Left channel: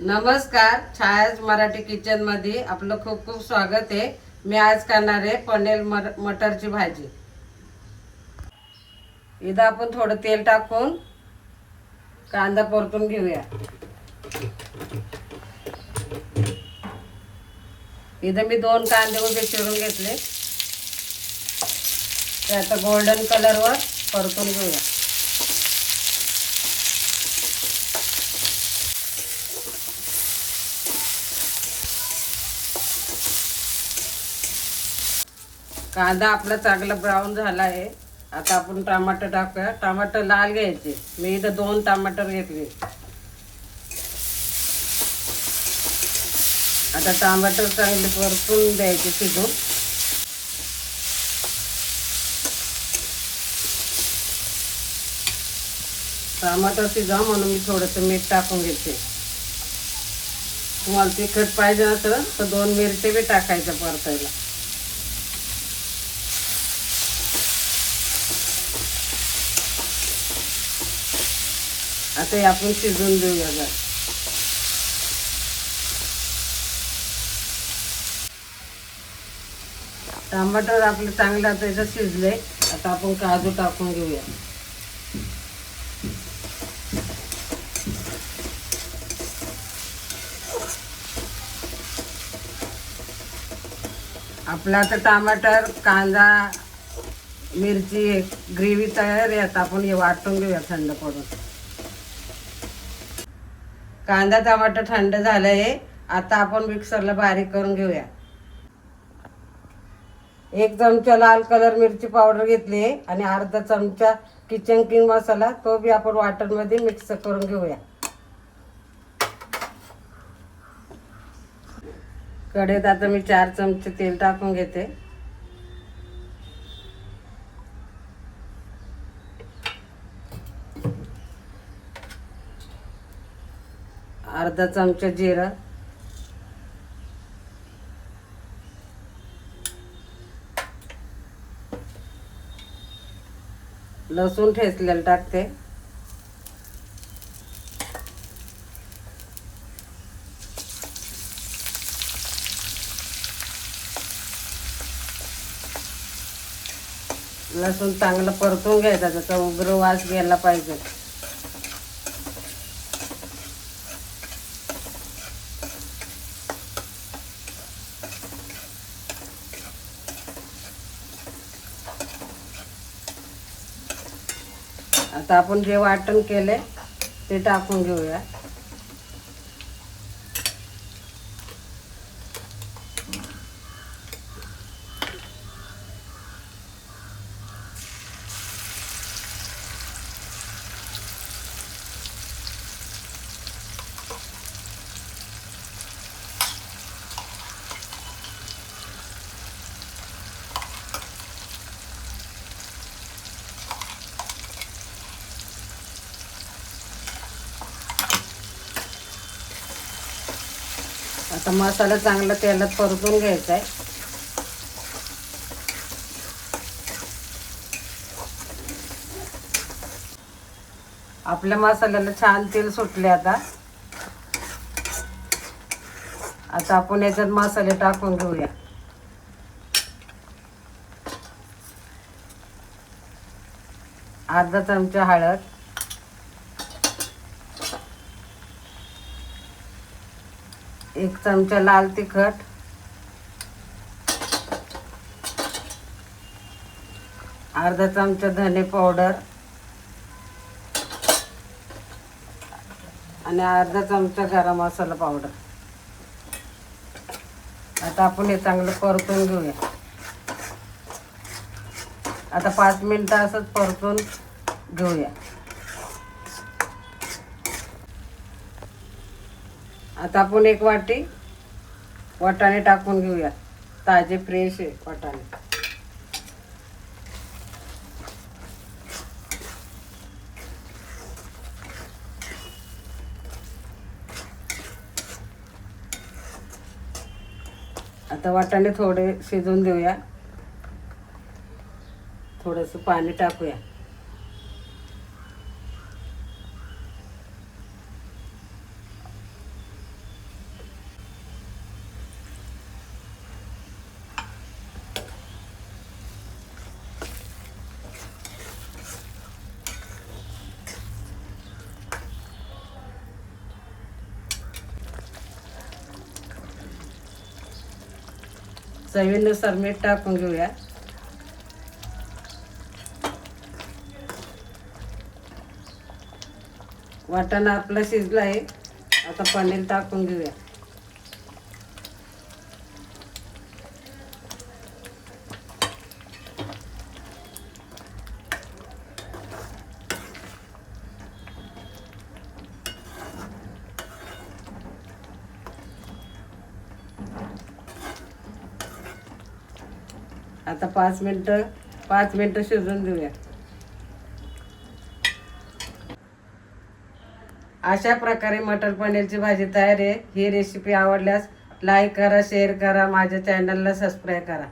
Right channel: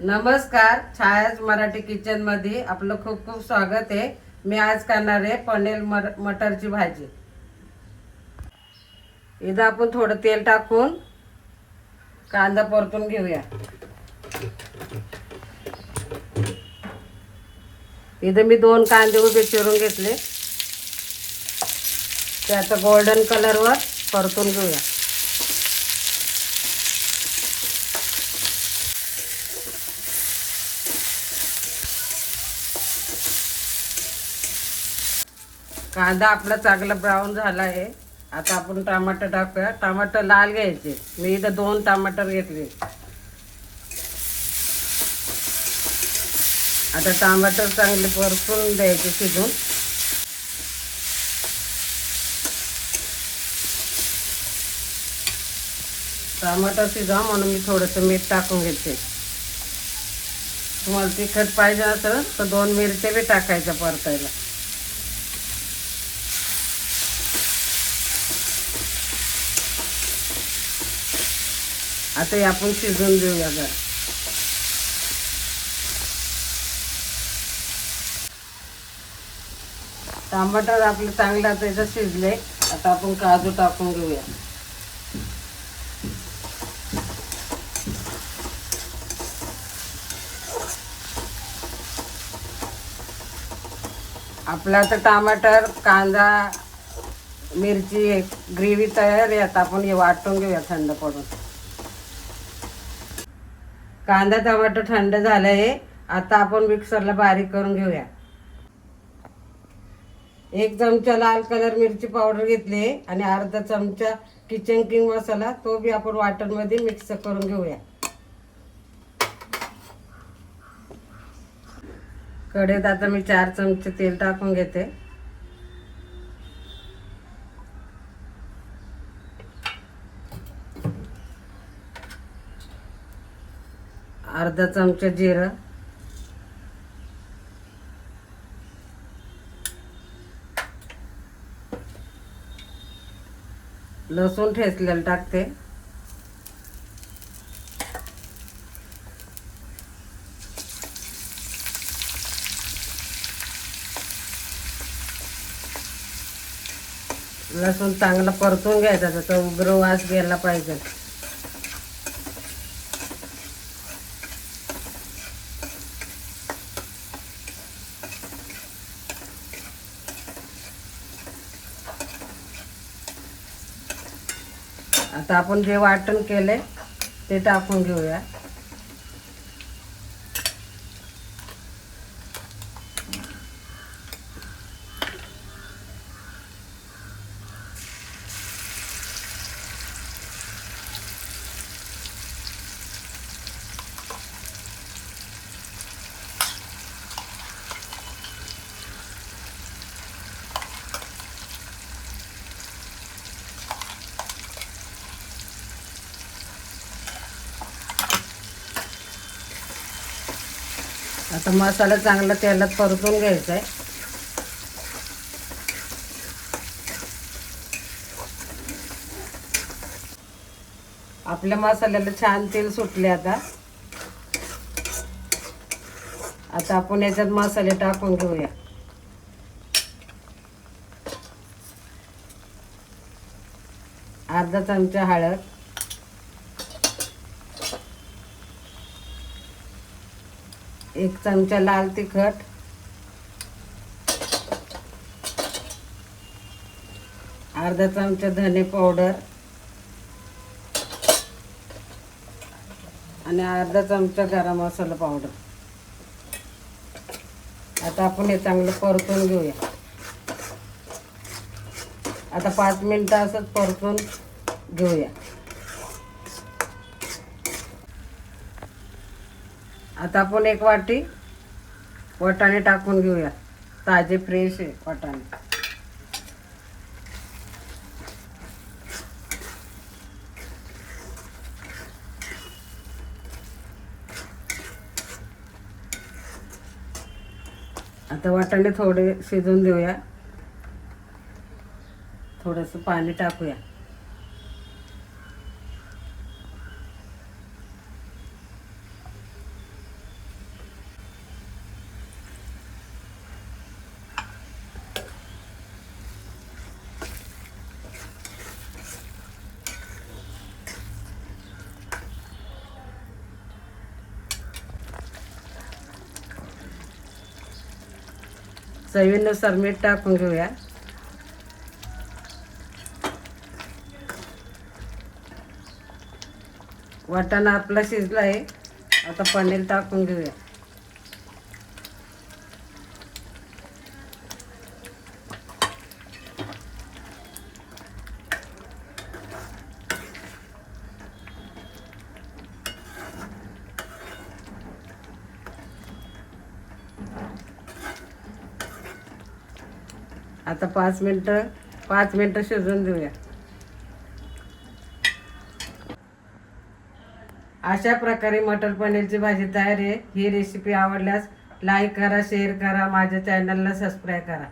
नमस्कार, छायाज मराठी किचन मध्ये आपलं खूप खूप स्वागत आहे। मी आज करणार आहे पनीर मटरची भाजी। इथं आपण थोडं तेल टाकून कांदा परतून घेऊया। इथं मी 2 कांदे उभे चिरून घेतले, त्याचा गोल्डन कलरवर परतून घेऊया। कांदा आपला चांगला ब्राऊन झाला आहे। आता आपण टमाटर टाकूया। टमाटर लाल घ्यायचे, मी इथं 2 टमाटर घेतले। आता टमाटर चांगले परतून द्यायचे शिजून। टमाटर शिजा म्हणून मी थोडंसं मीठ टाकून घेते। तुम्हाला तिखट पाहिजे असेल तर 2 मिरच्या बी टाकायच्या परतायला। आता हे आपण शिजून घेऊया। टमाटर आपले चांगले त्याचं शिजले। आता आपण काजू टाकून घेऊया। आपला आता टमाटर कांदा मिरची ग्रेव्ही तयार आहे। आता आपण हे वाटून घेऊया थंड पडून। कांदा टमाटर थंड झाले, आता आपण मिक्सरला बारीक करून घेऊया। 1 चमचा लाल कलर मिरची पावडर घेतली आणि अर्धा चमचा किचन किंग मसाला, तो बी आपण वाटण मध्ये मिक्स करून घेऊया। कढईत आता मी 4 चमचे तेल टाकून घेते। अर्धा चमचा जिरं, लसूण ठेचलेलं टाकते, लसूण चांगलं परतून घ्यायचा, त्याचा उग्र वास गेला पाहिजे। आता आपण जे वाटण केले ते टाकून घेऊया। आता मसाला चांगला तेलात परतून घ्यायचा आहे। आपल्या मसाल्याला छान तेल सुटले। आता आपण याच्यात मसाले टाकून घेऊया। अर्धा चमचा हळद, 1 चमचा लाल तिखट, अर्धा चमचा धने पावडर आणि अर्धा चमचा गरम मसाला पावडर। आता आपण हे चांगलं परतून घेऊया। आता 5 मिनिटं असंच परतून घेऊया। आता आपण 1 वाटी वाटाणे टाकून घेऊया, ताजे फ्रेश आहे वाटाणे। आता वाटाणे थोडे शिजून देऊया, थोडंसं पाणी टाकूया। चवीनुसार मीठ टाकून घेऊया. वाटाणा आपला शिजला आहे. आता पनीर टाकून घेऊया. आता 5 मिनिटं शिजवून घेऊया. अशा प्रकारे मटर पनीरची भाजी तयार आहे. ही रेसिपी आवडल्यास लाईक करा, शेअर करा, माझ्या चॅनलला सबस्क्राईब करा.